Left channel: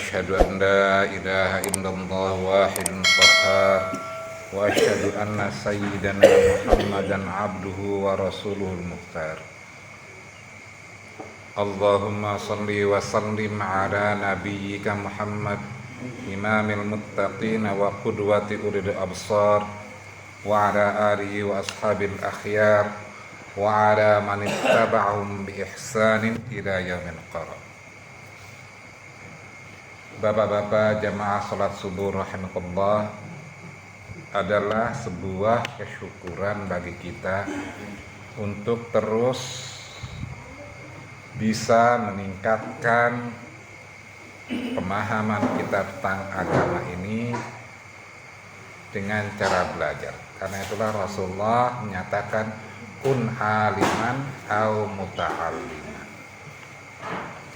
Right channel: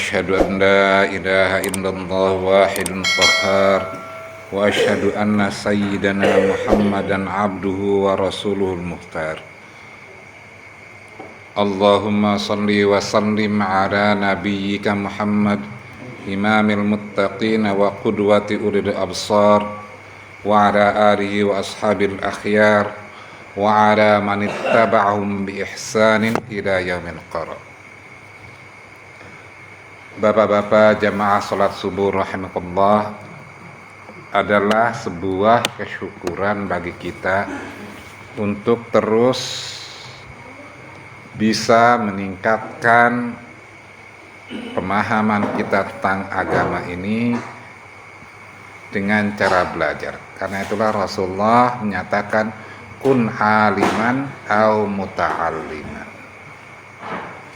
أشهد أن لا إله إلا الله واحد قهار وأشهد أن سيدنا محمدا عبده ورسوله المختار اللهم صل وسلم على نبيك محمد إمام المتقين وقدوة أولي الأبصار وعلى آله وأصحاب الأخيار وعلى من اتبعهم بإحسان إلى يوم القرار. Bapak-bapak jamaah salat subuh rahimakumullah, adalah sebuah kesyukuran bagi kita untuk terus bisa meningkatkan pemahaman kita tentang agama ini dengan cara belajar. Karena itulah Rasulullah menyatakan kun aliman au muta'alliman.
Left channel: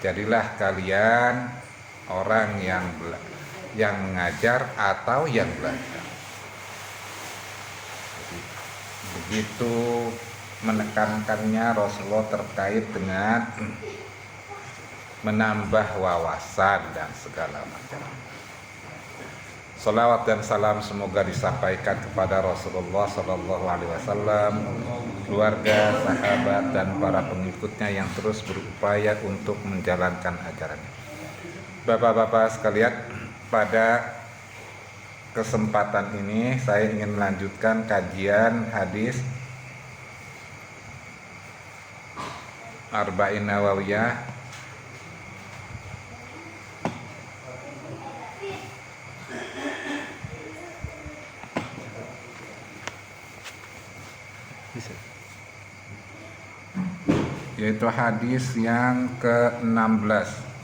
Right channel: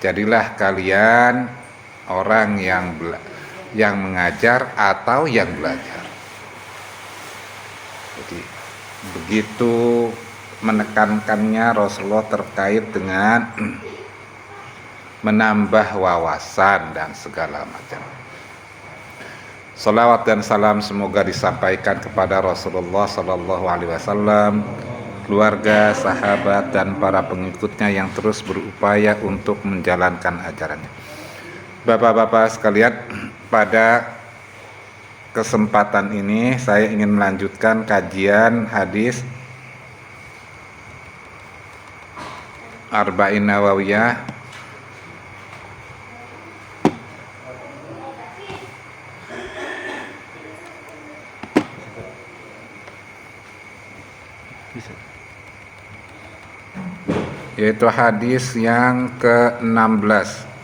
Jadilah kalian orang yang mengajar atau yang belajar. Jadi begitu menekankannya Rasulullah terkait dengan menambah wawasan dan segala macam. Salawat dan salam semoga disampaikan kepada Rasulullah Sallallahu Alaihi Wasallam, keluarga, sahabat, dan para pengikutnya yang terus berupaya untuk menjalankan ajarannya. Bapak-bapak sekalian, pada kesempatan ini saya ingin melanjutkan kajian hadis Arba'in Nawawiyah yaitu hadis yang ke-16.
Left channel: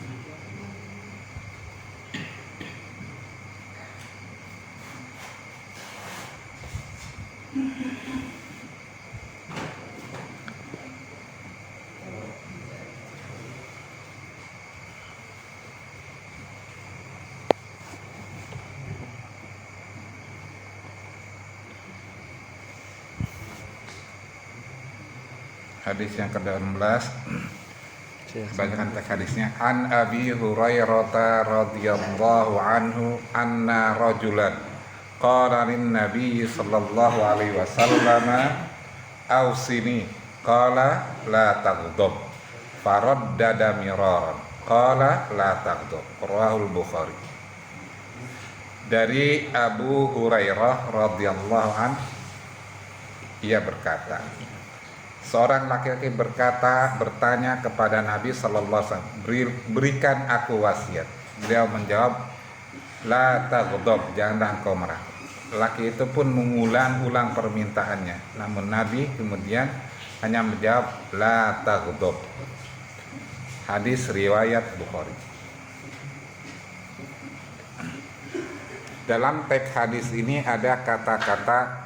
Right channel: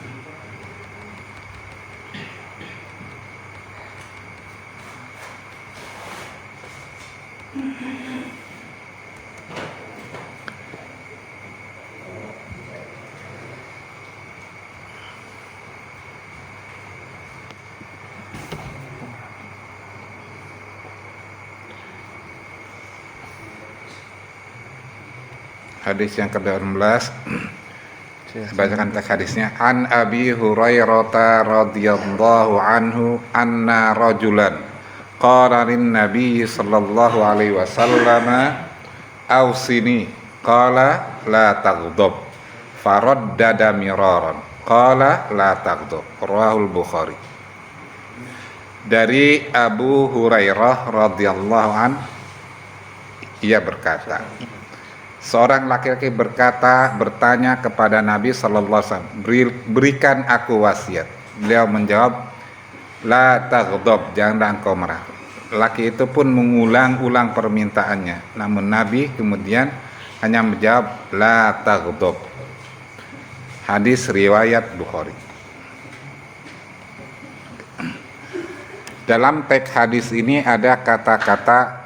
Hadis yang ke-16, bacakan teks hadisnya. An Abi Hurairah radhiyallahu anhu anna rajulan qala lin Nabi sallallahu alaihi wasallam ausini qala la taghdab faraddada miraran qala la taghdab. Rawahul Bukhari. Dari Abu Hurairah radhiyallahu an, ia berkata, seorang laki-laki bertanya kepada Nabi sallallahu alaihi wasallam, berikan aku wasiat. Beliau menjawab, la taghdab, janganlah engkau marah. Laki itu pun mengulang-ulang permintaannya, namun Nabi kemudian hanya menjawab, la taghdab. Hadis riwayat Bukhari. Dalam teks hadis ini ada kata-kata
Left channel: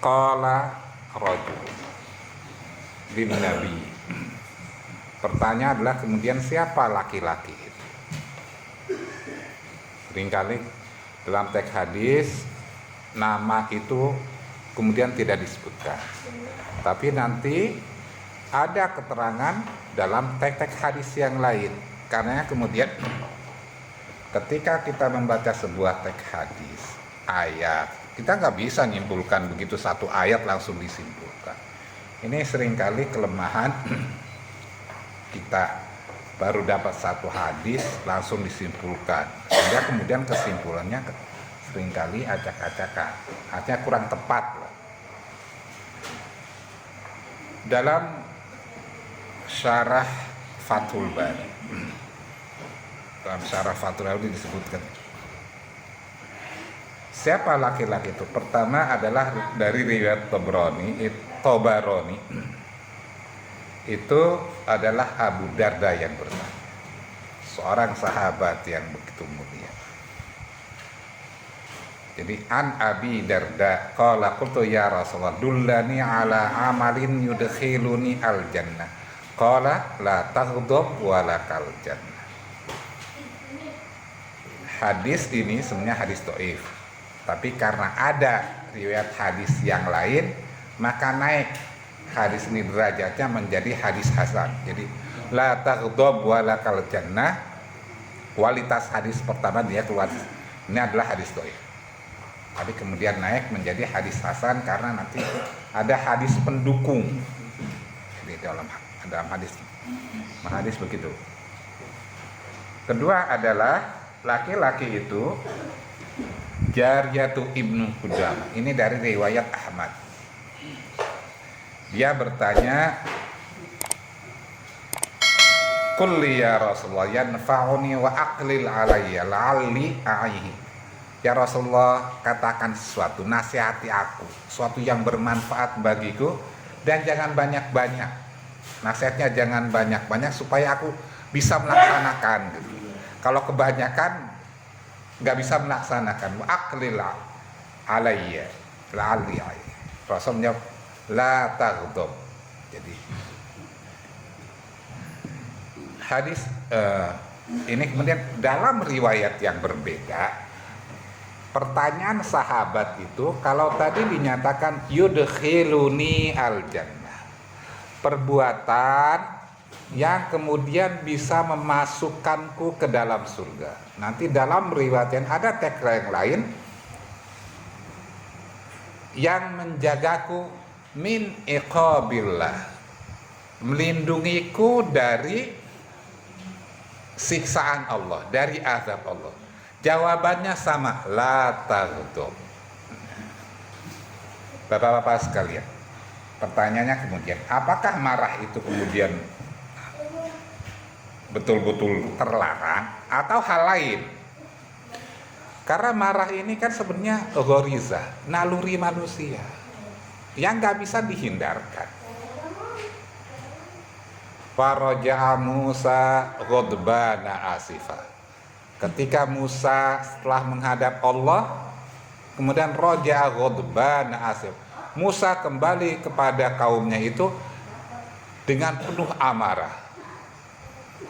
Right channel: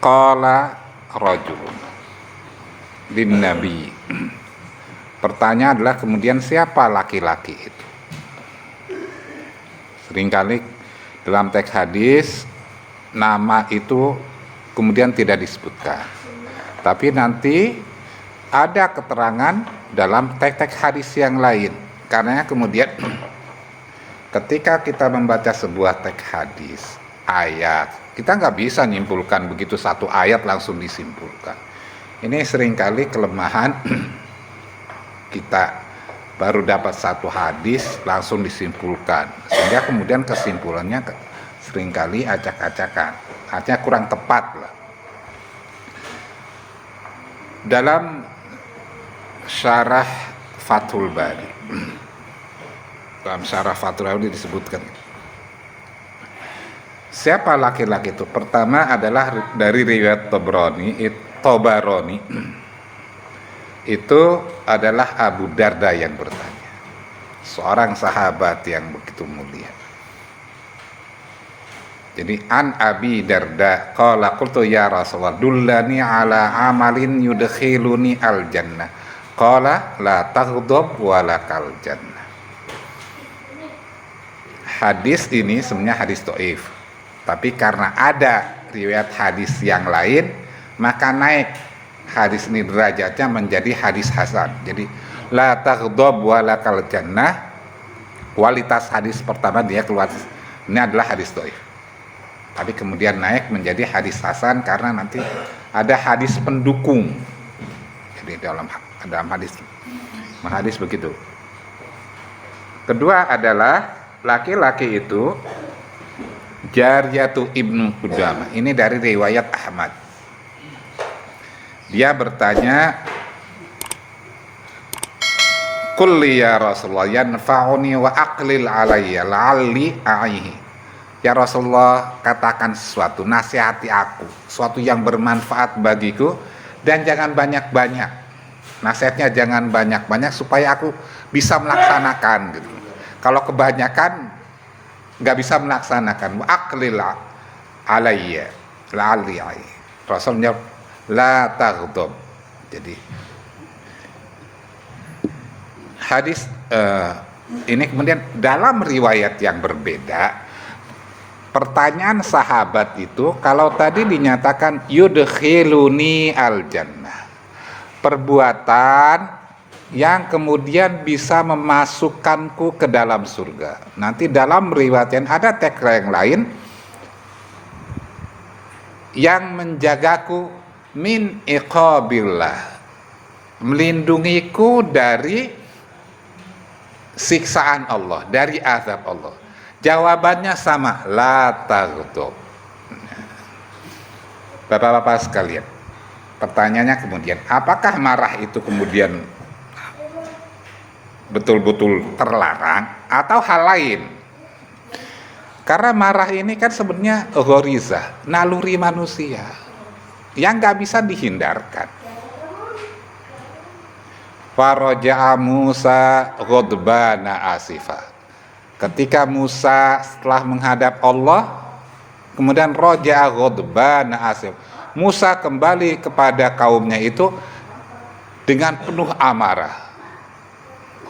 qala rajul lin Nabi. Pertanyaan adalah kemudian siapa laki-laki itu? Seringkali dalam teks hadis nama itu kemudian tidak disebutkan, tapi nanti ada keterangan dalam teks hadis yang lain. Karena kemudian ketika kita membaca sebuah teks hadis ayat, kita nggak bisa nyimpulkan begitu satu ayat langsung disimpulkan. Ini seringkali kelemahan kita, baru dapat satu hadis langsung disimpulkan, sehingga kemudian kesimpulannya seringkali acak-acakan, artinya kurang tepat lah. Dalam syarah Fathul Bari, dalam syarah Fathul Bari disebutkan siapa laki-laki itu. Pertama adalah dari riwayat Tabarani, itu adalah Abu Darda yang bertanya, seorang sahabat yang begitu mulia. Jadi an Abi Darda qala qultu ya Rasulullah dullani ala amalin yudkhiluni al jannah qala la taghdab wa lakal jannah. Hadis ini sebenarnya hadis dhaif, tapi karena ada riwayat hadis yang lain, maka naik hadis ini derajatnya menjadi hadis hasan. Jadi la taghdab wa lakal jannah kualitas hadis pertama dia keluar, ini adalah hadis dhaif. Tapi kemudian naik menjadi hadis hasan karena nanti ada hadis pendukung. Jadi dalam hadis begitu. Kedua adalah laki-laki itu Jariyatu Ibnu Qudamah. Ini dari riwayat Ahmad. Dia bertanya, "Qul ya Rasulullah yanfa'uni wa aqlil alayya la'alli a'ihi." Ya Rasulullah, katakan sesuatu, nasihati aku, sesuatu yang bermanfaat bagiku, dan jangan banyak-banyak. Nasihatnya jangan banyak-banyak supaya aku bisa melaksanakan gitu. Kalau kebanyakan nggak bisa melaksanakan. Wa aqlil alayya la'alli a'ihi. Rasulnya la taghdab. Jadi hadis ini kemudian dalam riwayat yang berbeda, pertanyaan sahabat itu, kalau tadi dinyatakan yudkhiluni al jannah, perbuatan yang kemudian bisa memasukkanku ke dalam surga. Nanti dalam riwayat yang ada tagline lain, yang menjagaku min iqabillah, melindungiku dari siksaan Allah, dari azab Allah. Jawabannya sama, la taghdab. Bapak-bapak sekalian, pertanyaannya kemudian, apakah marah itu kemudian betul-betul terlarang atau hal lain? Karena marah ini kan sebenarnya ghorizah, naluri manusia yang gak bisa dihindarkan. Faraja'a Musa ghadbana asifa. Ketika Musa setelah menghadap Allah, kemudian raja'a ghadbana asif, Musa kembali kepada kaumnya itu dengan penuh amarah.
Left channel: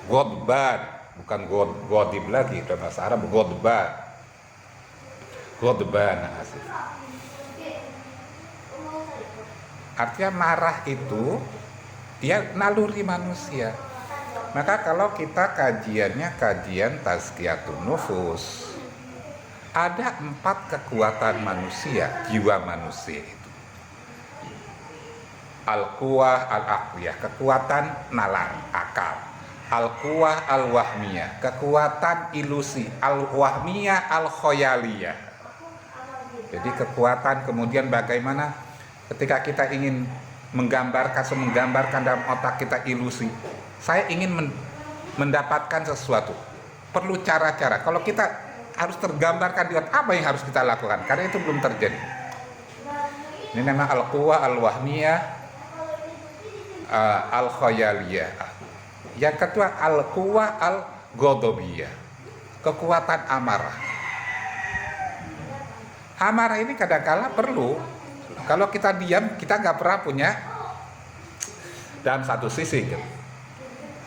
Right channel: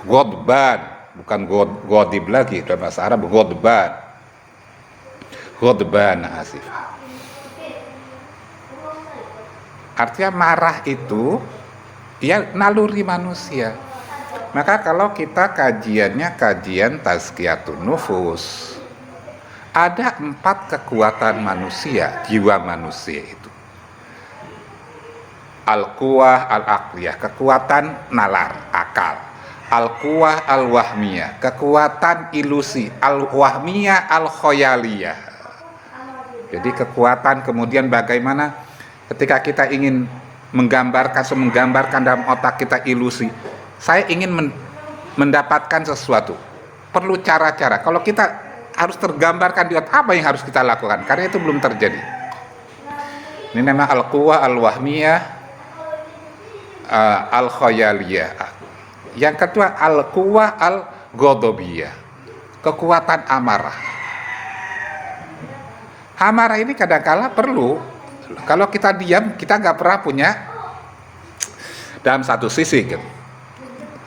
Ghadban, bukan ghodib lagi, dalam bahasa Arab ghadban. Ghadbana asif. Artinya marah itu ya naluri manusia. Maka kalau kita kajiannya kajian tazkiyatun nufus, ada 4 kekuatan manusia, jiwa manusia itu. Al-quwah al-aqliyah, kekuatan nalar, akal. Al-quwah al-wahmiyah, kekuatan ilusi. Al-wahmiyah al-khoyaliyah. Jadi kekuatan kemudian bagaimana ketika kita ingin menggambarkan dalam otak kita ilusi. Saya ingin mendapatkan sesuatu, perlu cara-cara. Kalau kita harus tergambarkan di otak, apa yang harus kita lakukan? Karena itu belum terjadi. Ini namanya al-quwah al-wahmiyah al-khoyaliyah. Yang kedua al-quwah al-ghadabiyah, kekuatan amarah. Amarah ini kadang-kala perlu. Kalau kita diam, kita nggak pernah punya. Dalam satu sisi gitu,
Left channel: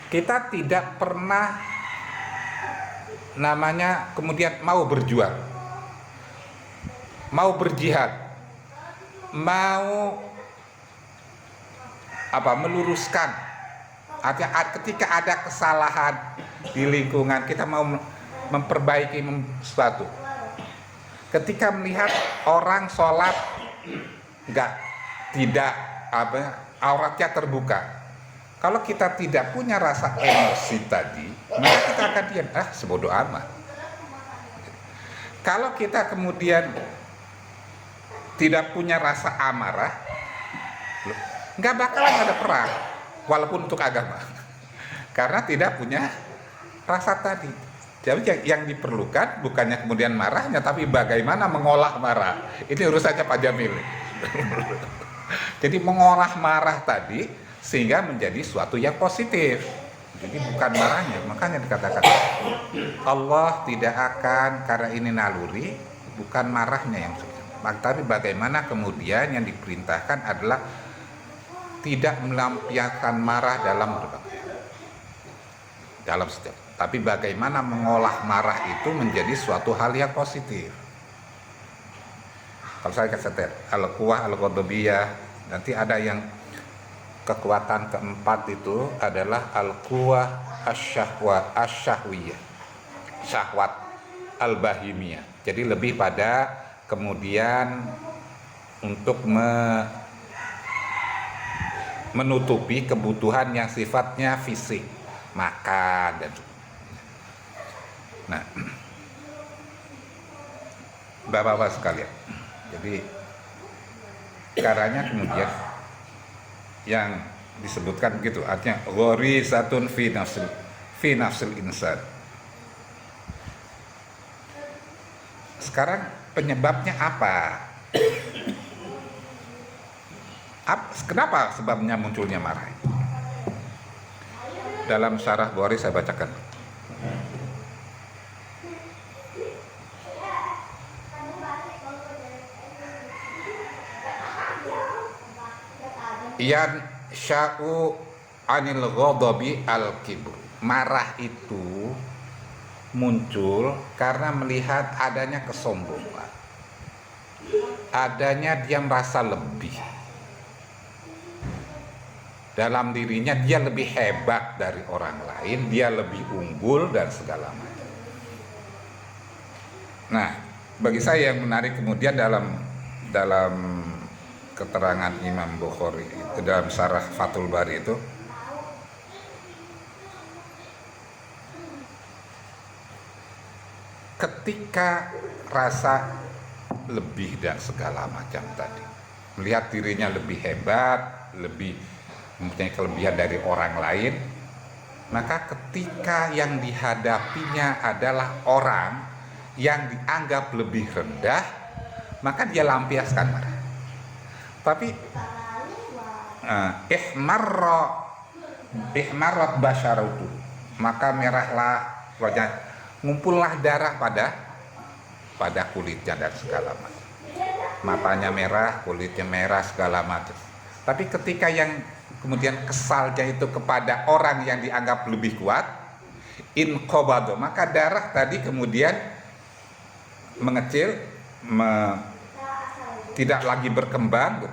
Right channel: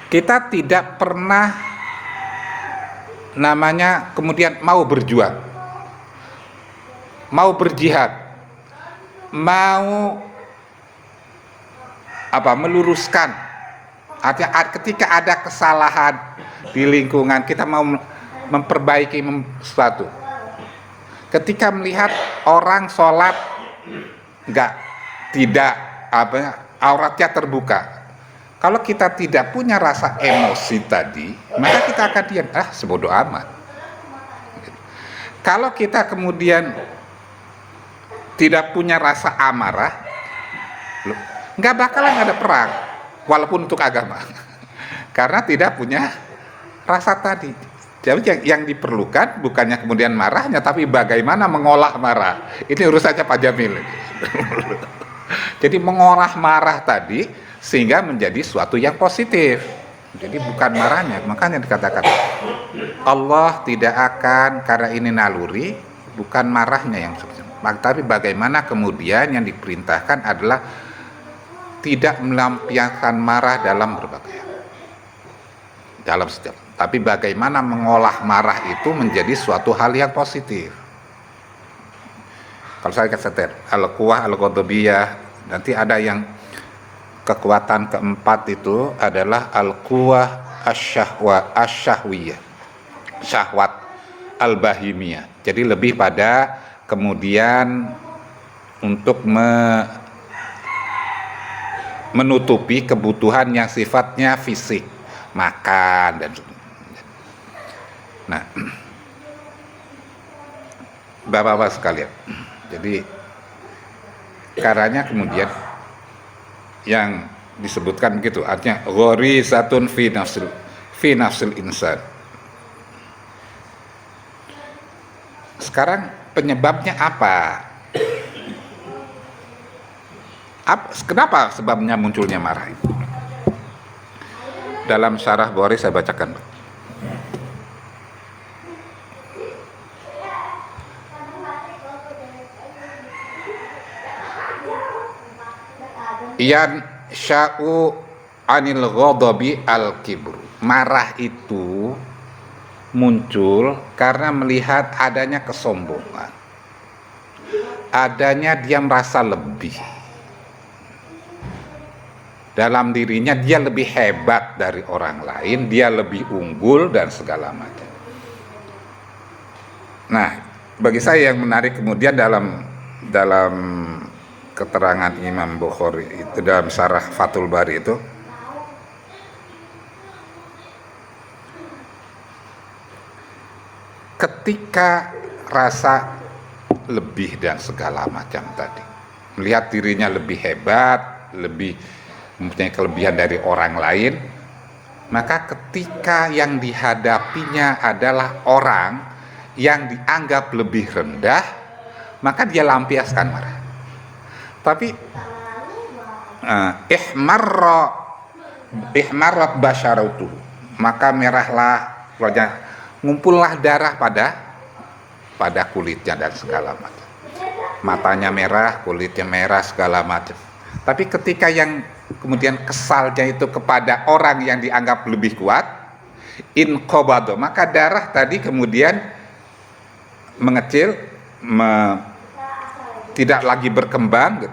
kita tidak pernah namanya kemudian mau berjuang, mau berjihad, mau meluruskan. Artinya ketika ada kesalahan di lingkungan, kita mau memperbaiki sesuatu. Ketika melihat orang sholat tidak auratnya terbuka, kalau kita tidak punya rasa emosi tadi, maka kita akan diam, sebodoh amat. Kalau kita kemudian tidak punya rasa amarah, nggak bakalan ada perang, walaupun untuk agama, karena tidak punya rasa tadi. Jadi yang diperlukan bukannya kemudian marahnya, tapi bagaimana mengolah marah. Ini urusannya Pak Jamil. Jadi mengolah marah tadi sehingga menjadi suatu yang positif. Jadi bukan marahnya. Makanya dikatakan Allah tidak akan, karena ini naluri, bukan marahnya yang tapi bagaimana kemudian yang diperintahkan adalah tidak melampiaskan marah dalam berbagai dalam setiap, tapi bagaimana mengolah marah itu menjadi suatu hal yang positif. Kalau saya katakan al-quwah al-ghadabiyah, nanti ada yang kekuatan keempat itu adalah al-quwah asyahwiyah, syahwat al-bahimiyah. Jadi lebih pada kemudian untuk menutupi kebutuhan yang sifatnya fisik, makan dan sebagainya. Nah, Bapak-bapak sekalian, jadi karanya kemudian yang disebutkan begitu, artinya ghorizatun fi nafsil insan. Sekarang penyebabnya apa? Kenapa sebabnya munculnya marah itu? Dalam syarah Bukhari saya bacakan. Yan sya'u anil ghadabi al-kibr. Marah itu muncul karena melihat adanya kesombongan, adanya dia merasa lebih dalam dirinya, dia lebih hebat dari orang lain, dia lebih unggul dan segala macam. Nah, bagi saya yang menarik kemudian dalam keterangan Imam Bukhari itu dalam syarah Fathul Bari itu, ketika rasa lebih dan segala macam tadi, melihat dirinya lebih hebat, lebih mempunyai kelebihan dari orang lain, maka ketika yang dihadapinya adalah orang yang dianggap lebih rendah, maka dia lampiaskan marah. Tapi ihmarrat basyaratu, maka merahlah wajah, ngumpullah darah pada kulitnya dan segala macam. Matanya merah, kulitnya merah, segala macam. Tapi ketika yang kemudian kesalnya itu kepada orang yang dianggap lebih kuat, inqabado, maka darah tadi kemudian mengecil, tidak lagi berkembang,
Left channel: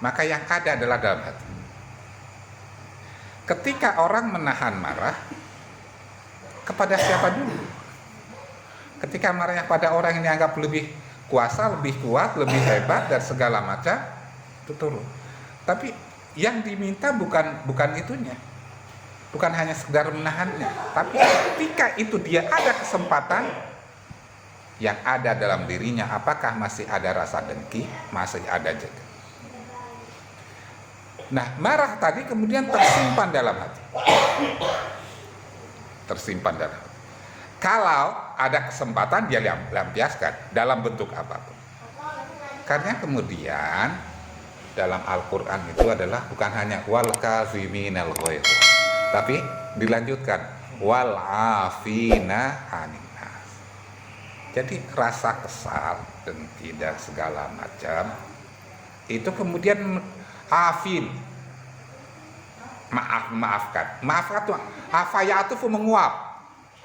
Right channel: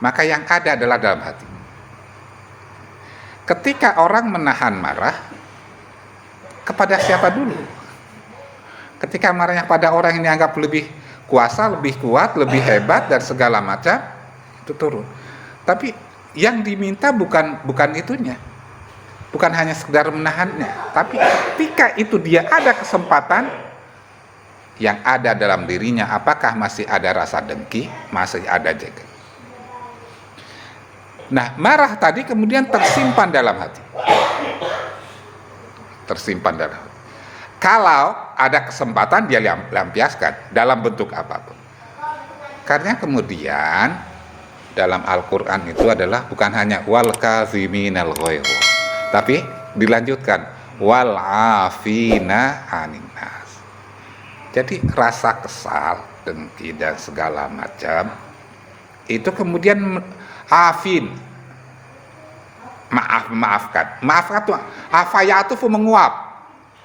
maka yang ada adalah dalam hati. Ketika orang menahan marah, kepada siapa dulu? Ketika marahnya pada orang yang dianggap lebih kuasa, lebih kuat, lebih hebat dan segala macam, itu turun. Tapi yang diminta bukan itunya, bukan hanya sekedar menahannya, tapi ketika itu dia ada kesempatan, yang ada dalam dirinya apakah masih ada rasa dengki, masih ada jaga. Nah, marah tadi kemudian tersimpan dalam hati. Tersimpan dalam hati. Kalau ada kesempatan dia lampiaskan dalam bentuk apapun. Karena kemudian dalam Al-Quran itu adalah bukan hanya wal kaziminal ghaidh, tapi dilanjutkan wal afina anin nas. Jadi rasa kesal, dengki dan segala macam itu kemudian afin, maafkan tuh afayatu menguap.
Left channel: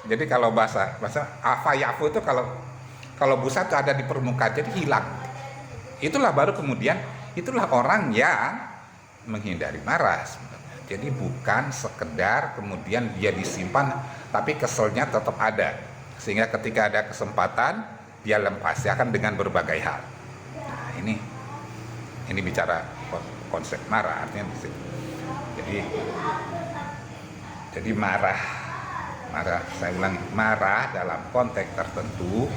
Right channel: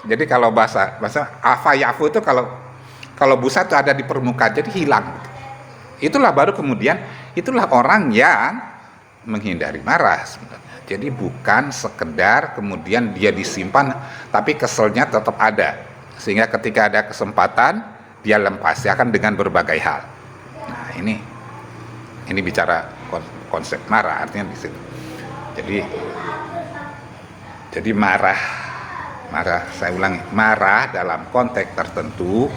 Jadi kalau bahasa afayafu itu kalau busa itu ada di permukaan, jadi hilang. Itulah baru kemudian itulah orang yang menghindari marah sebenarnya. Jadi bukan sekedar kemudian dia disimpan, tapi keselnya tetap ada, sehingga ketika ada kesempatan dia lepaskan dengan berbagai hal. Nah, ini bicara konsep marah, artinya di situ. Jadi marah, saya ulangi, marah dalam konteks tertentu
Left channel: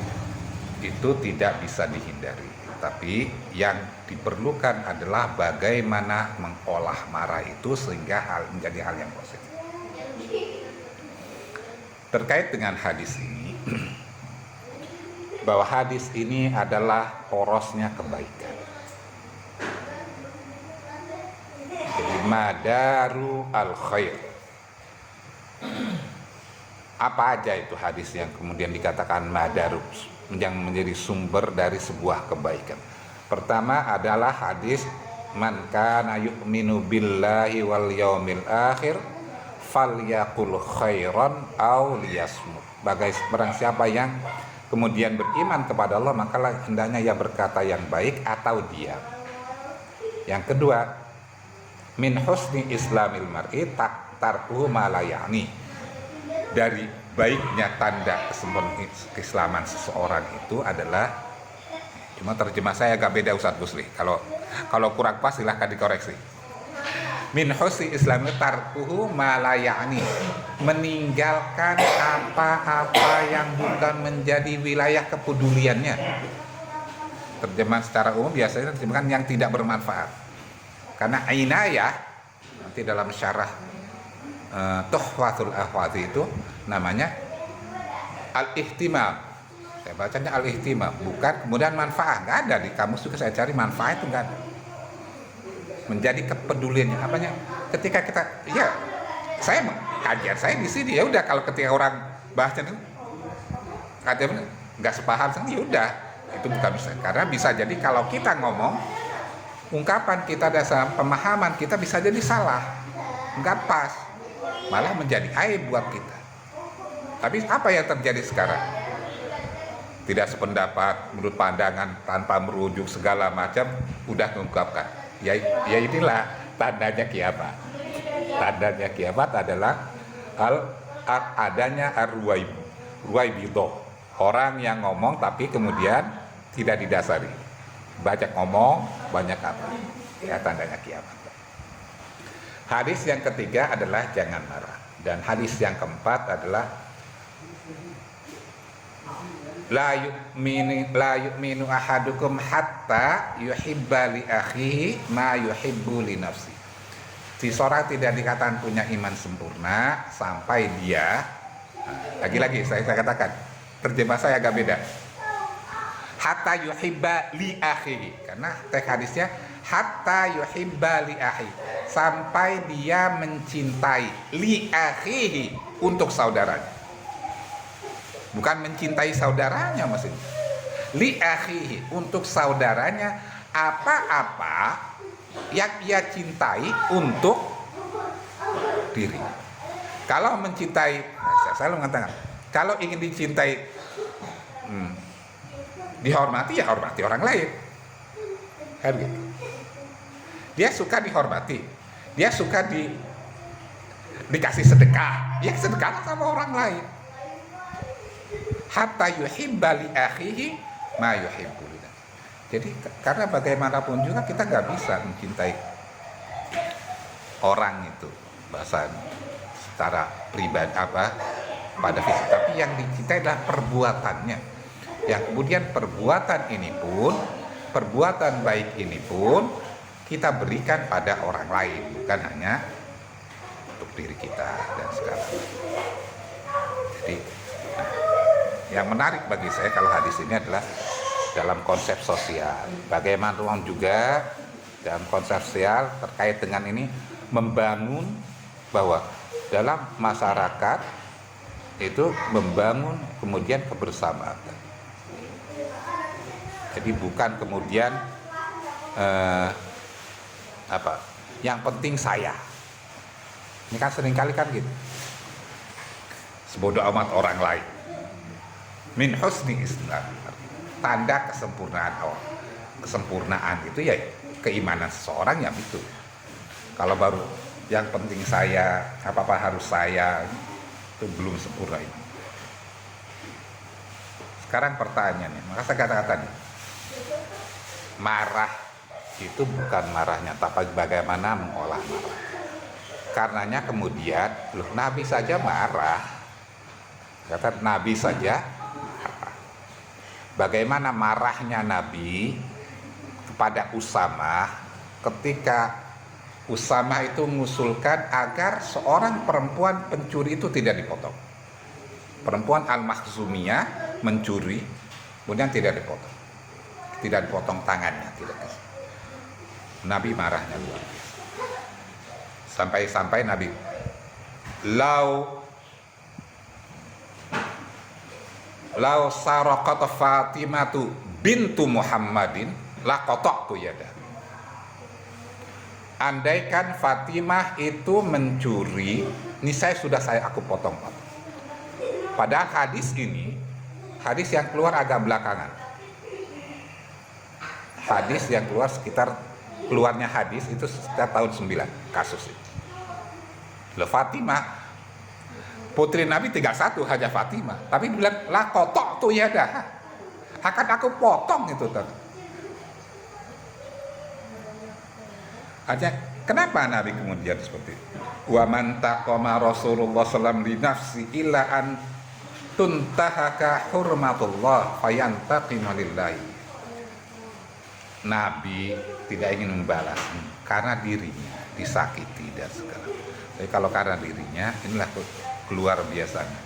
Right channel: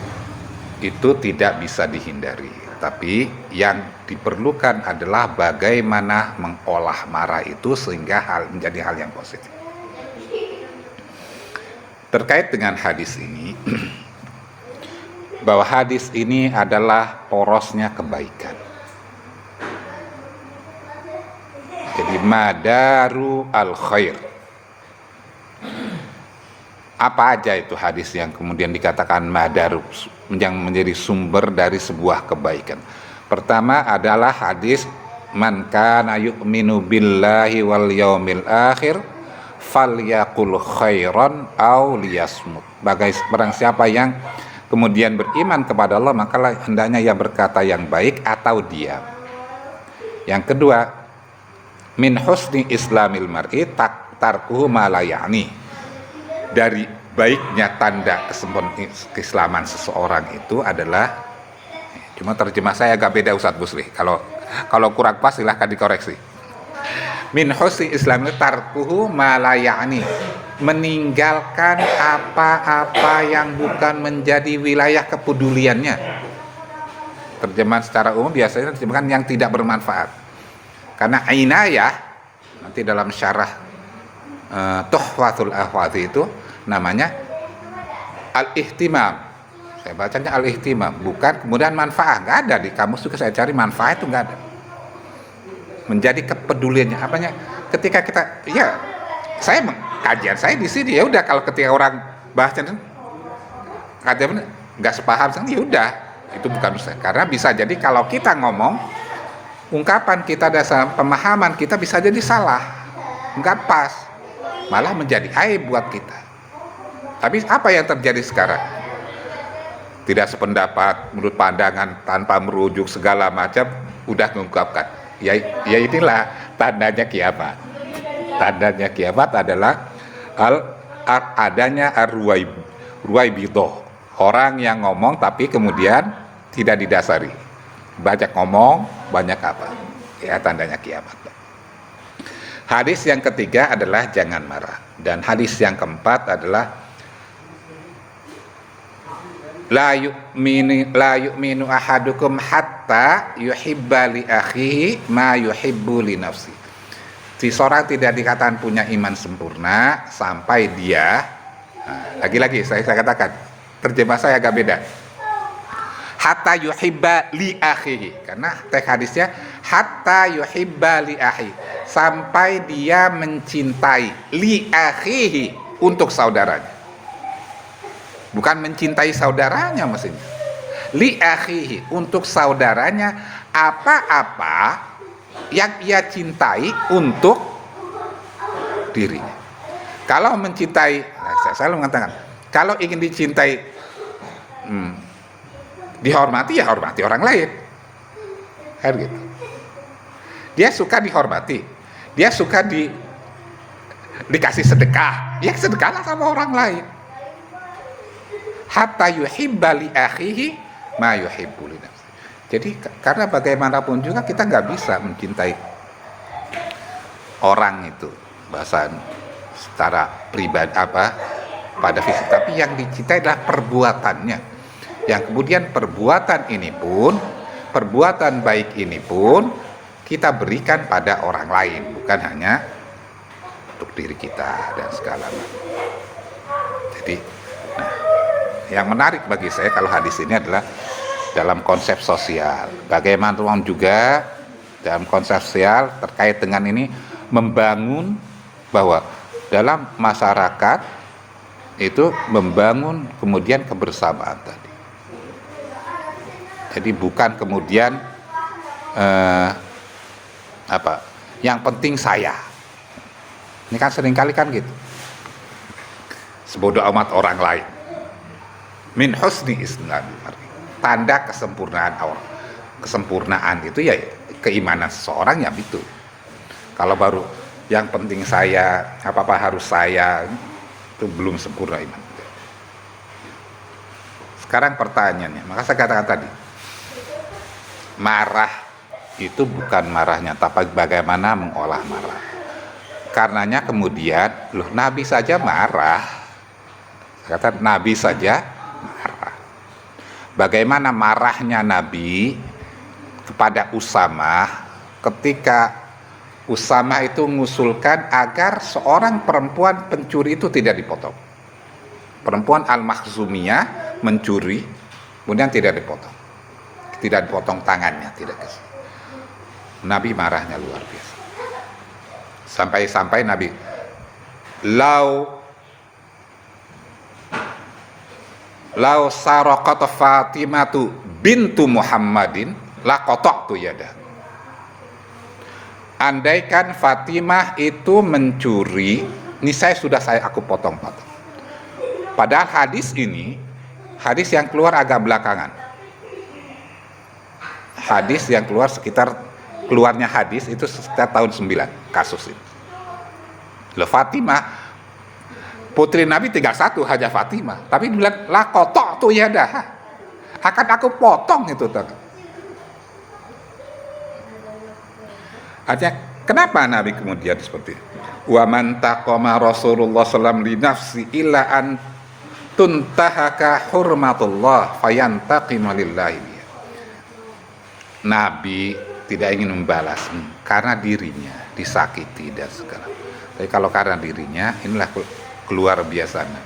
itu tidak bisa dihindari, tapi yang diperlukan adalah bagaimana mengolah marah itu sehingga menjadi hal yang positif. Terkait dengan hadis ini, bahwa hadis ini adalah porosnya kebaikan. Jadi madaru al-khair. Apa aja itu hadis yang kemudian dikatakan madaru, yang menjadi sumber dari sebuah kebaikan? Pertama adalah hadis man kana yu'minu billahi wal yaumil akhir falyaqul khairan aw liyasmut. Barang siapa yang kemudian beriman kepada Allah, maka hendaknya ia berkata yang baik atau diam. Yang kedua, min husni islamil mar'i tarkuhu ma la ya'ni. Dari baiknya tanda keislaman seseorang itu adalah, cuma terjemah saya agak beda Ustadz Busri. Kalau kurang pas silahkan dikoreksi. Min husni islami tarkuhu ma la ya'ni, meninggalkan apa-apa yang bukan menjadi wilayah kepeduliannya. Terjemahan secara umum biasanya terjemahkan yang tidak bermanfaat. Karena inayah nanti dalam syarah Tuhfatul Ahwazi itu namanya al-ihtimam. Saya bacanya al-ihtimam, bukan kemudian manfaat. Nggak ada di kamus juga saya cari manfaat itu nggak ada. Menjadi kepeduliannya apanya ketika kita kajian saya di sini ya udah, kalau ketika orang bahasnya kajian nggak sepaham ya udah, itu bukan bisa, karena bisa jadi kalau kita ngomong ungkapan kita dasar pemahaman kita bisa jadi salah, nggak pas, malah menjadi aib buat kita. Tapi apa yang terjadi sekarang? Tidak sependapat, menurut pandangan, tanpa merujuk segala macam, udah mengungkapkan. Ya inilah tandanya kiamat. Tandanya kiamat adalah adanya ruwaibidoh, orang yang ngomong tapi kemudian tidak didasari, banyak ngomong, banyak apa, ya tandanya kiamat. Hadis yang ketiga adalah jangan marah, dan hadis yang keempat adalah la yu'minu ahadukum hatta yuhibba li akhihi ma yuhibbu li nafsi. Seseorang tidak dikatakan punya iman sempurna sampai dia, lagi-lagi saya katakan terjemah saya agak beda, hatta yuhibba li akhihi, karena teks hadisnya hatta yuhibba li akhihi, sampai dia mencintai li akhihi, untuk saudaranya. Bukan mencintai saudaranya maksudnya. Li akhihi, untuk saudaranya, apa-apa yang ia cintai untuk dirinya. Kalau mencintai, saya selalu mengatakan, kalau ingin dicintai, dihormati, ya hormati orang lain. Kan gitu. Dia suka dihormati, dia suka dikasih sedekah, ya sedekahlah sama orang lain. Hatta yuhibba li akhihi ma yuhibbu li nafsihi. Jadi karena bagaimanapun juga kita nggak bisa mencintai orang itu bahasa secara pribadi pada fisik, tapi yang dicintai adalah perbuatannya. Yang kemudian perbuatan baik ini pun kita berikan pada orang lain, bukan hanya untuk diri kita dan segala macam. Jadi yang menarik bagi saya kalau hadis ini adalah dalam konsep sosial. Bagaimanapun juga dalam konsep sosial terkait dengan ini, membangun bahwa dalam masyarakat itu membangun kemudian kebersamaan tadi. Jadi bukan kemudian yang penting saya. Ini kan seringkali kan gitu. Sebodoh amat orang lain. Min husni islam, tanda kesempurnaan itu ya keimanan seseorang ya itu. Kalau baru yang penting saya, apa harus saya, itu belum sempurna iman. Sekarang pertanyaannya, maka saya katakan tadi, marah itu bukan marahnya, tapi bagaimana mengolah marah. Karenanya kemudian, Nabi saja marah. Kata Nabi saja marah. Bagaimana marahnya Nabi kepada Usamah ketika Usamah itu mengusulkan agar seorang perempuan pencuri itu tidak dipotong. Perempuan Al-Makhzumiyah mencuri, kemudian tidak dipotong. Tidak dipotong tangannya, tidak. Nabi marahnya luar biasa. Sampai Nabi, Lau saraqat Fatimatu bintu Muhammadin la qata'tu yada. Andaikan Fatimah itu mencuri, ini aku potong-potong. Padahal hadis ini, hadis yang keluar agak belakangan. Hadis yang keluar keluarnya hadis itu sekitar tahun 9 kasus ini. Fatimah putri Nabi tinggal satu, Hajah Fatimah. Tapi bilang, lah kotok tuh ya dah. Akan aku potong itu tadi. Artinya, kenapa Nabi kemudian seperti itu? Wa man taqama Rasulullah sallallahu li nafsi illa an tuntahaka hurmatullah fayantaqimu lillahi. Nabi tidak ingin membalas karena dirinya disakiti dan segala. Tapi kalau karena dirinya, inilah keluar biasanya.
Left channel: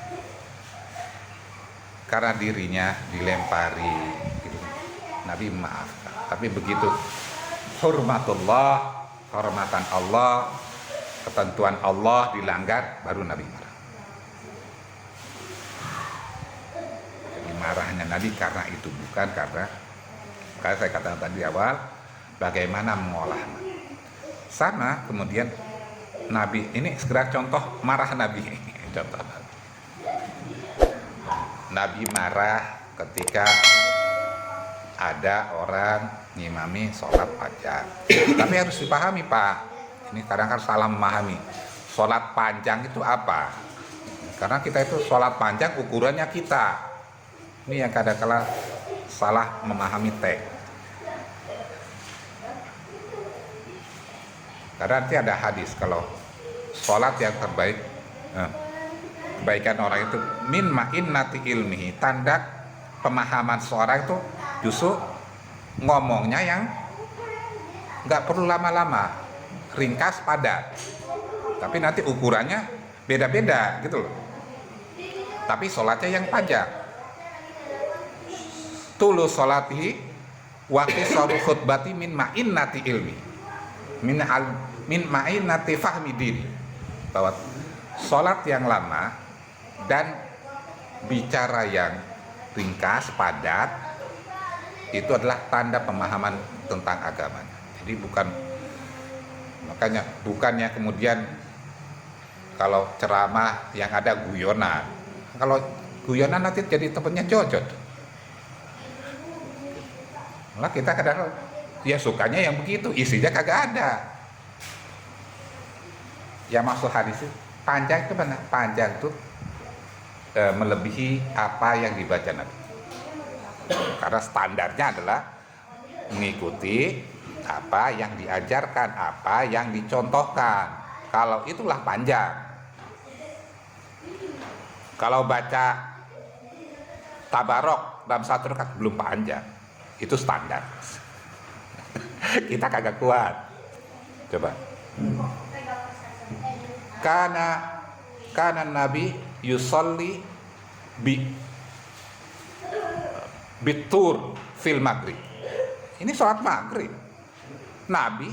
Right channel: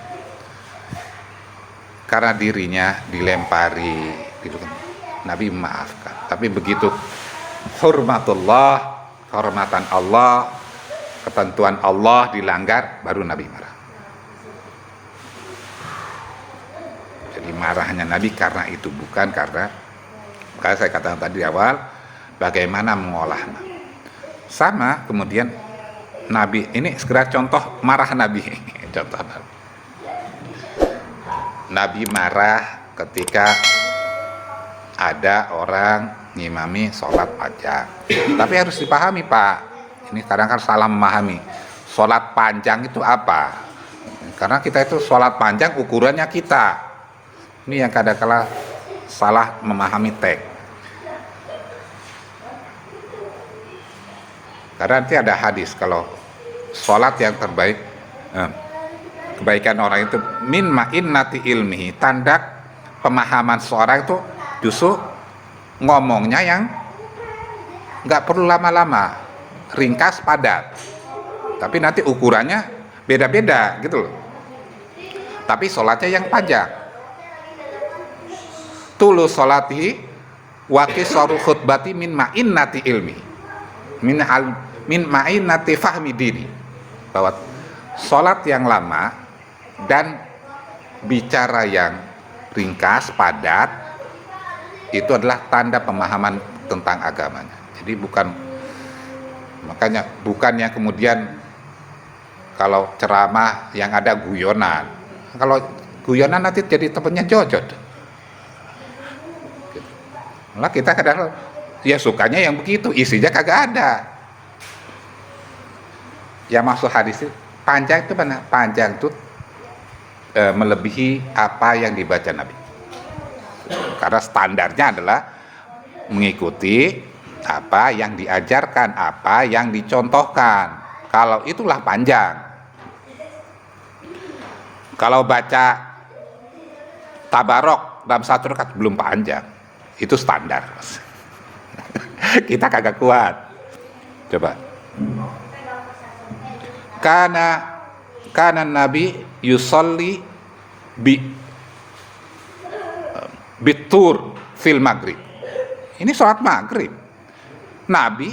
Karena dirinya dilempari, Nabi memaafkan. Tapi begitu hurmatullah, kehormatan Allah, ketentuan Allah dilanggar, baru Nabi marah. Jadi marahnya Nabi karena itu, bukan karena saya katakan tadi awal, bagaimana mengolahnya. Sama kemudian Nabi, ini segera contoh marah Nabi. Contoh Nabi marah ketika ada orang ngimami sholat panjang. Tapi harus dipahami Pak, ini kadang kan salah memahami. Sholat panjang itu apa? Karena kita itu sholat panjang ukurannya kita. Ini yang kadang-kala salah memahami teks. Karena nanti ada hadis kalau sholat yang terbaik, kebaikan orang itu min ma'innati ilmihi, tanda pemahaman seorang itu justru ngomongnya yang nggak perlu lama-lama, ringkas, padat. Tapi nanti ukurannya beda-beda gitu loh. Tapi sholatnya yang panjang. Tulus sholatihi wa qisaru khutbati min ma'innati ilmi. Min ma'innati fahmi dini. Bahwa sholat yang lama dan bicara yang ringkas, padat, itu adalah tanda pemahaman tentang agamanya. Jadi bukannya kemudian kalau ceramah yang ada guyonan. Kalau guyonan nanti jadi temennya jojot. Nah kita kadang ya sukanya yang begitu, isinya kagak ada. Yang maksud hadis itu panjang itu benar, panjang itu melebihi apa yang dibaca Nabi. Karena standarnya adalah mengikuti apa yang diajarkan, apa yang dicontohkan. Kalau itulah panjang. Kalau baca tabarok dalam satu rakaat belum panjang, itu standar. Kita kagak kuat. Coba. Karena Nabi yusolli bitur fil maghrib. Ini sholat maghrib. Nabi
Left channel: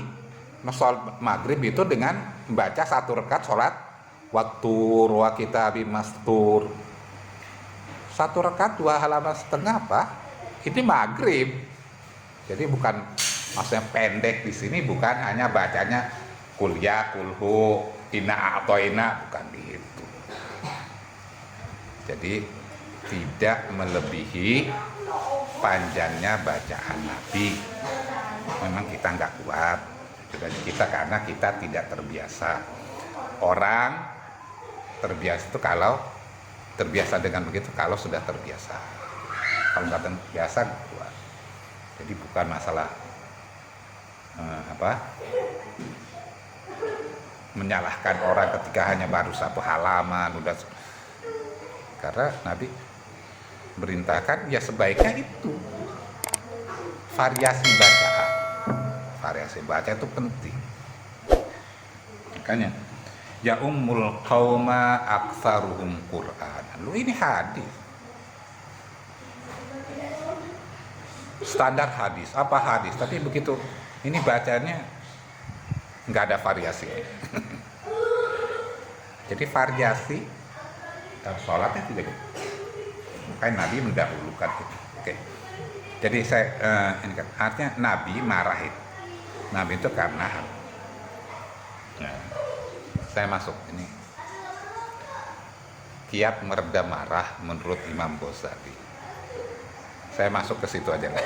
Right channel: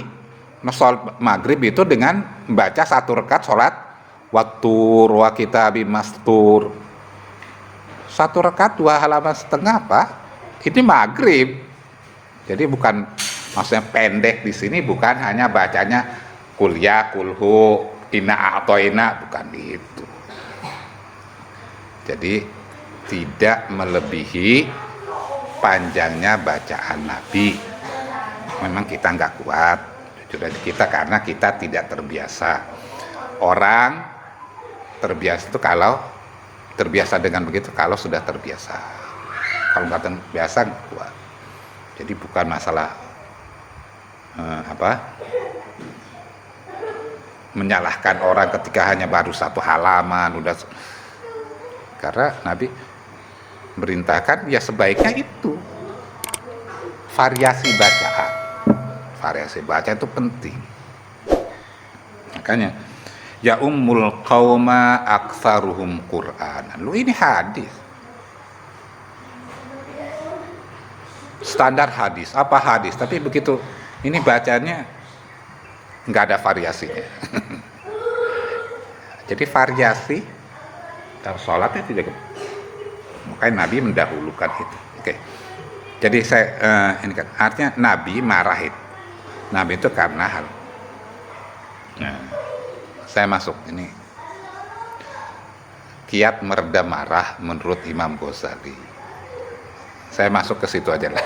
sholat maghrib itu dengan membaca satu rakaat sholat waktu wa kitabi mastur. Satu rakaat 2 halaman setengah Pak. Ini maghrib. Jadi bukan maksudnya pendek di sini, bukan hanya bacanya kuliah, kulhu, ina atau ina, bukan itu. Jadi tidak melebihi panjangnya bacaan Nabi. Memang kita nggak kuat, karena kita tidak terbiasa. Orang terbiasa itu kalau terbiasa dengan begitu, kalau sudah terbiasa. Kalau nggak terbiasa nggak kuat. Jadi bukan masalah menyalahkan orang ketika hanya baru satu halaman udah, karena Nabi merintahkan ya sebaiknya itu variasi baca itu penting. Makanya ya ummul qauma aktsaruhum Qur'an. Lu ini hadis, standar hadis, apa hadis, tapi begitu ini bacanya nggak ada variasinya. Jadi variasi dalam sholatnya tidak. Makanya Nabi mendahulukan itu. Oke. Jadi saya ini kan artinya Nabi marah itu. Nabi itu karena hal. Nah, saya masuk ini. Kiat meredam marah menurut Imam Ghazali. Saya masuk ke situ aja lah.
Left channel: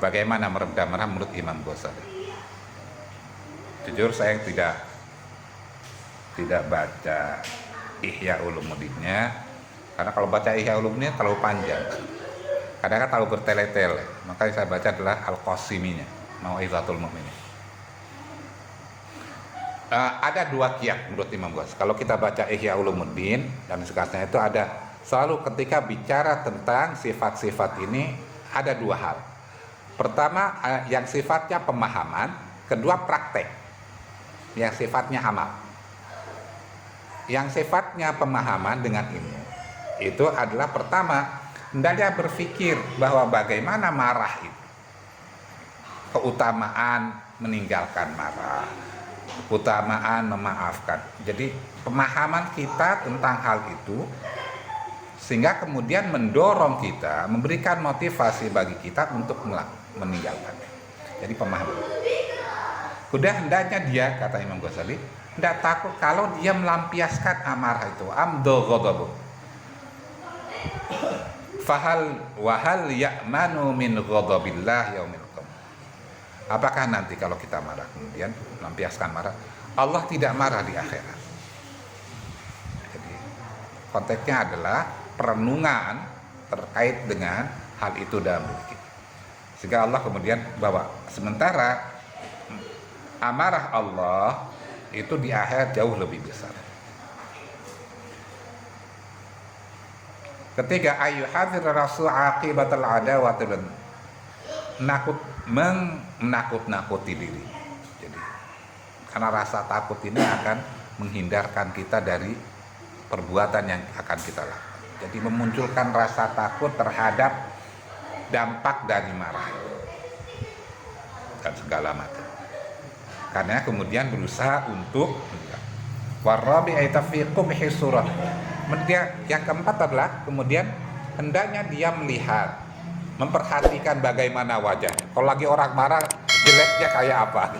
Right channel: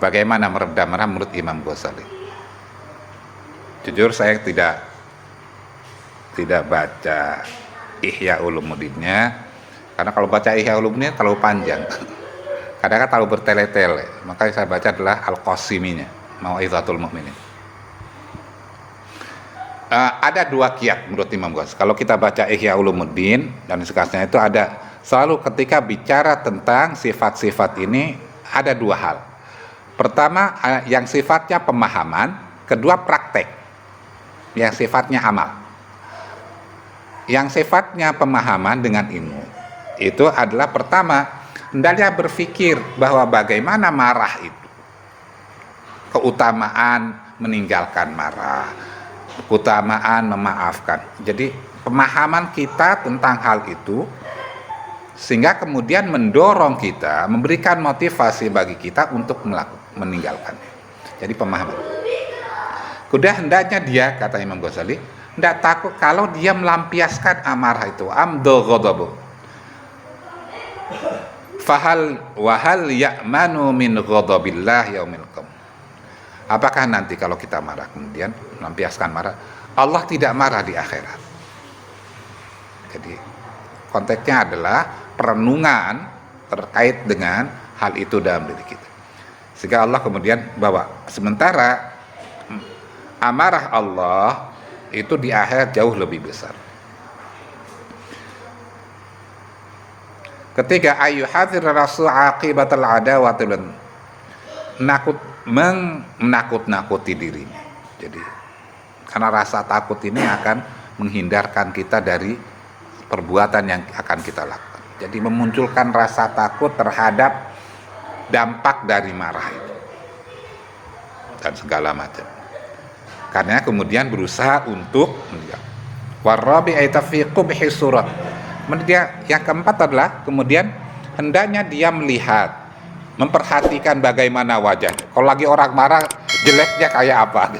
Bagaimana meredam marah menurut Imam Ghazali? Jujur saya tidak baca Ihya Ulumuddinnya, karena kalau baca Ihya Ulumuddin terlalu panjang, kadang-kadang terlalu bertele-tele, makanya saya baca adalah Al-Qasiminya, Mau'izatul Mu'minin. Ada dua kiat menurut Imam Ghazali. Kalau kita baca Ihya Ulumuddin dan sekalian itu ada selalu ketika bicara tentang sifat-sifat ini ada dua hal. Pertama yang sifatnya pemahaman, kedua praktek yang sifatnya amal. Yang sifatnya pemahaman dengan ilmu itu adalah pertama hendaknya berpikir bahwa bagaimana marah itu, keutamaan meninggalkan marah, keutamaan memaafkan. Jadi pemahaman kita tentang hal itu sehingga kemudian mendorong kita, memberikan motivasi bagi kita untuk meninggalkannya. Jadi pemahaman. Kuda hendaknya dia, kata Imam Ghazali, tidak takut kalau dia melampiaskan amarah itu, amdo ghadabu. Fahal wahal ya'manu min ghadabillah yaumil qiyamah. Apakah nanti kalau kita marah kemudian melampiaskan marah, Allah tidak marah di akhirat? Jadi konteksnya adalah perenungan terkait dengan hal itu dalam diri kita. Sehingga Allah kemudian bawa, sementara amarah Allah itu di akhirat jauh lebih besar. Ketiga, ayyuhadzir rasul aqibatal adawati, menakut-nakuti dirinya. Jadi karena rasa takut ini akan menghindarkan kita dari perbuatan yang akan kita lakukan. Jadi memunculkan rasa takut terhadap dampak dari marah itu dan segala macam. Karena kemudian berusaha untuk warabi aitafi qubhi surat. Yang keempat adalah kemudian hendaknya dia melihat, memperhatikan bagaimana wajahnya. Kalau lagi orang marah, jeleknya kayak apa?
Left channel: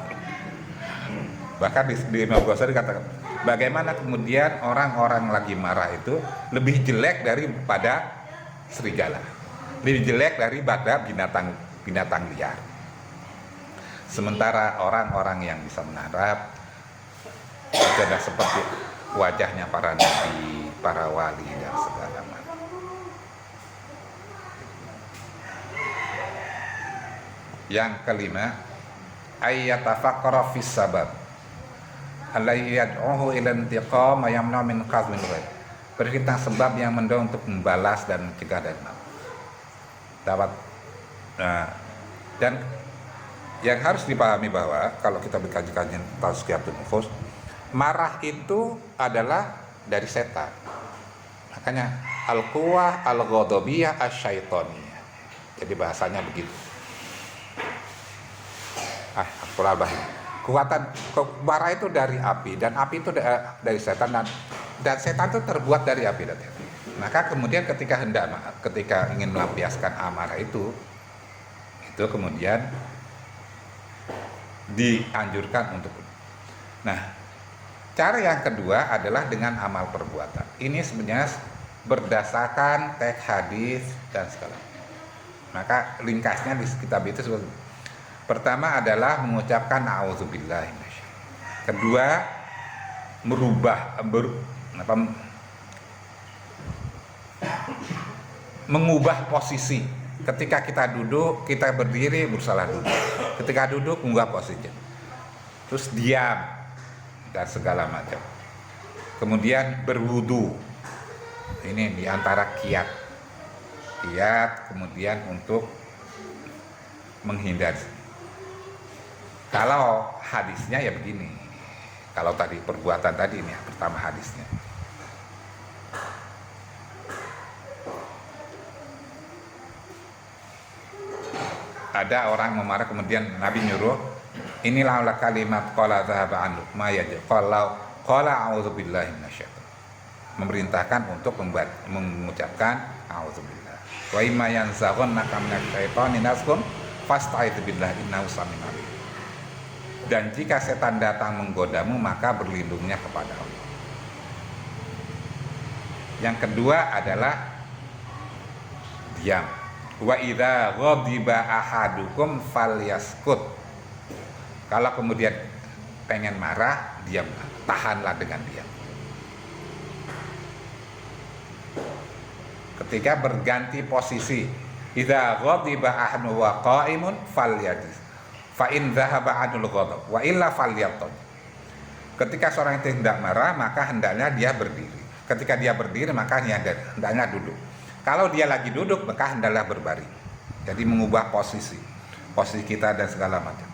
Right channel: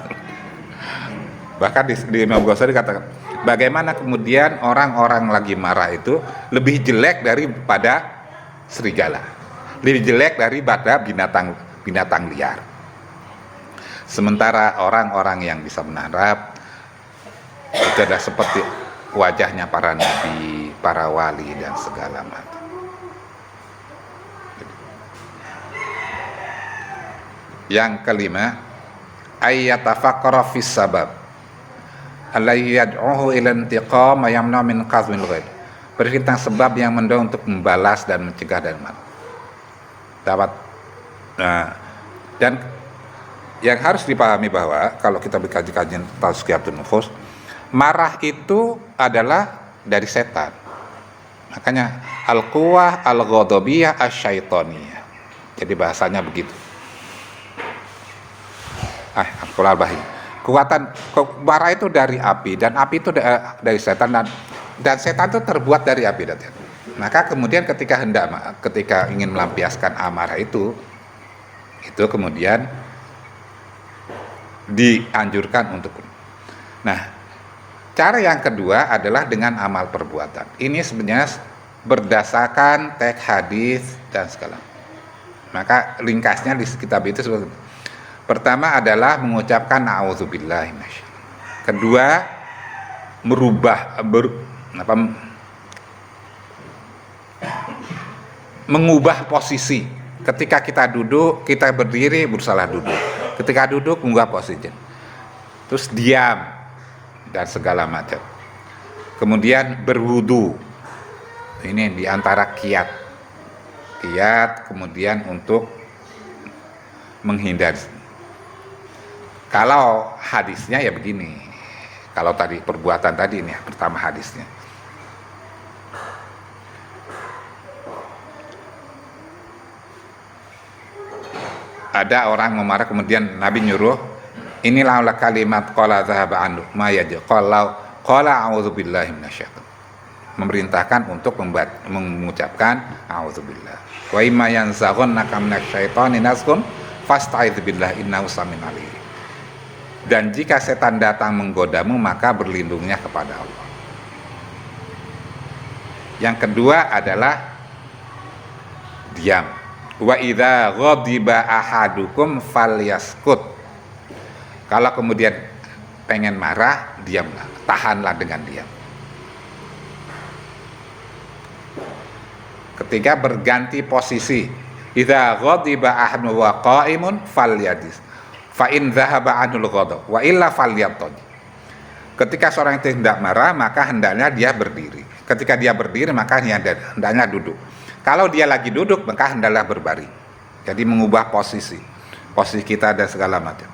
Bahkan di Imam Ghazali dikatakan, bagaimana kemudian orang-orang lagi marah itu lebih jelek daripada serigala, lebih jelek daripada binatang liar. Sementara orang-orang yang bisa menharap itu adalah seperti wajahnya para nabi, para wali dan segala macam. Yang kelima, ayyatafaqqara fis sabab alladhi yad'uhu ila intiqam wa yamna min qazmil ghaib. Berpikir tentang sebab yang mendorong untuk membalas dan mencegah dan marah. Dan yang harus dipahami bahwa kalau kita berkaji kajian tazkiyatun nufus, marah itu adalah dari setan. Makanya al-quwah al-ghadabiyah asy-syaitaniyah. Jadi bahasanya begitu. Kekuatan marah itu dari api, dan api itu dari setan, dan setan itu terbuat dari api. Maka kemudian ketika ingin melampiaskan amarah itu kemudian dianjurkan untuk. Nah, cara yang kedua adalah dengan amal perbuatan. Ini sebenarnya berdasarkan teks hadis dan segala. Maka ringkasnya di kitab itu pertama adalah mengucapkan a'udzubillahi minasyaitonir. Kedua, mengubah posisi. Ketika kita duduk, kita berdiri berusaha duduk. Ketika duduk, mengubah posisi. Terus diam dan segala macam. Kemudian berwudu. Ini diantara kiat kemudian untuk menghindar. Kalau hadisnya ya begini. Kalau tadi perbuatan tadi ini pertama hadisnya. Ada orang memarah, kemudian Nabi nyuruh, inilah kalimat qala dzahaba anhu ma yajid qala a'udzubillahi minasyaitonir. Memerintahkan untuk mengucapkan a'udzubillah. Wa imma yanzaghannaka minasyaitoni nazghun fasta'idz billahi innahu samiun alim. Dan jika setan datang menggodamu, maka berlindungnya kepada Allah. Yang kedua adalah diam. Wa idza ghadiba ahadukum falyaskut. Kalau kemudian pengen marah, diamlah, tahanlah dengan diam. ketika berganti posisi. Idza ghadiba ahadun wa qa'imun falyadis. Fa in dhahaba anul ghadab wa illa falyatad. Ketika seorang itu hendak marah, maka hendaknya dia berdiri. Ketika dia berdiri, maka hendaknya duduk. Kalau dia lagi duduk, maka hendaklah berbaring. Jadi mengubah posisi kita dan segala macam.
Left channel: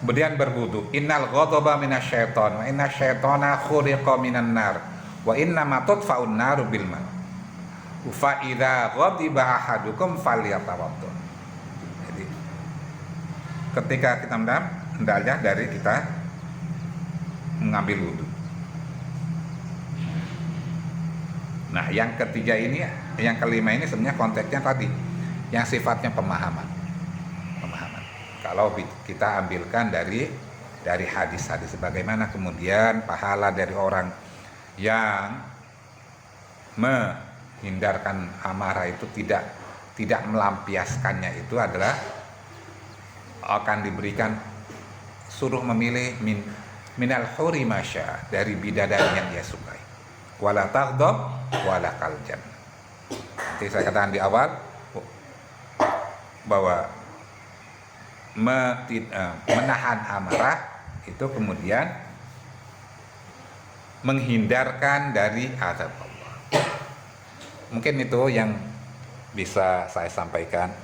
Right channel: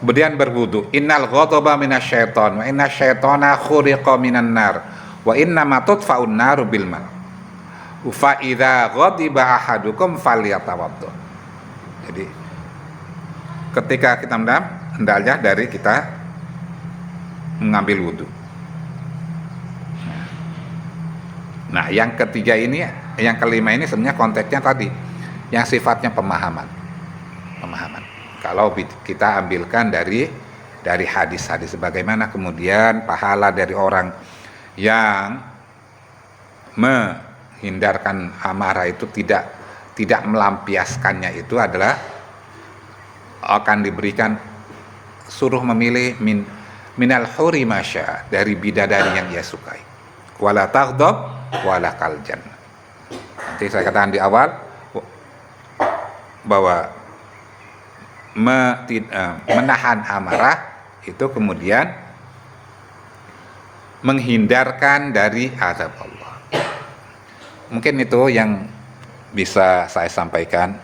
Kemudian berwudu. Innal ghadaba minasyaiton wa inna syaitana khuliqa minan nar wa inna ma tudfa'un naru bil ma. Fa idza ghadiba ahadukum falyatawaddo. Jadi ketika kita hendaknya dari kita mengambil wudu. Nah, yang ketiga ini, yang kelima ini sebenarnya konteksnya tadi yang sifatnya pemahaman. Kalau kita ambilkan dari hadis-hadis, bagaimana kemudian pahala dari orang yang menghindarkan amarah itu tidak melampiaskannya itu adalah akan diberikan suruh memilih minal huri masya, dari bidadari yang ia sukai, wala taghdab wala kaljan. Nanti saya katakan di awal bahwa menahan amarah itu kemudian menghindarkan dari azab Allah. Mungkin itu yang bisa saya sampaikan.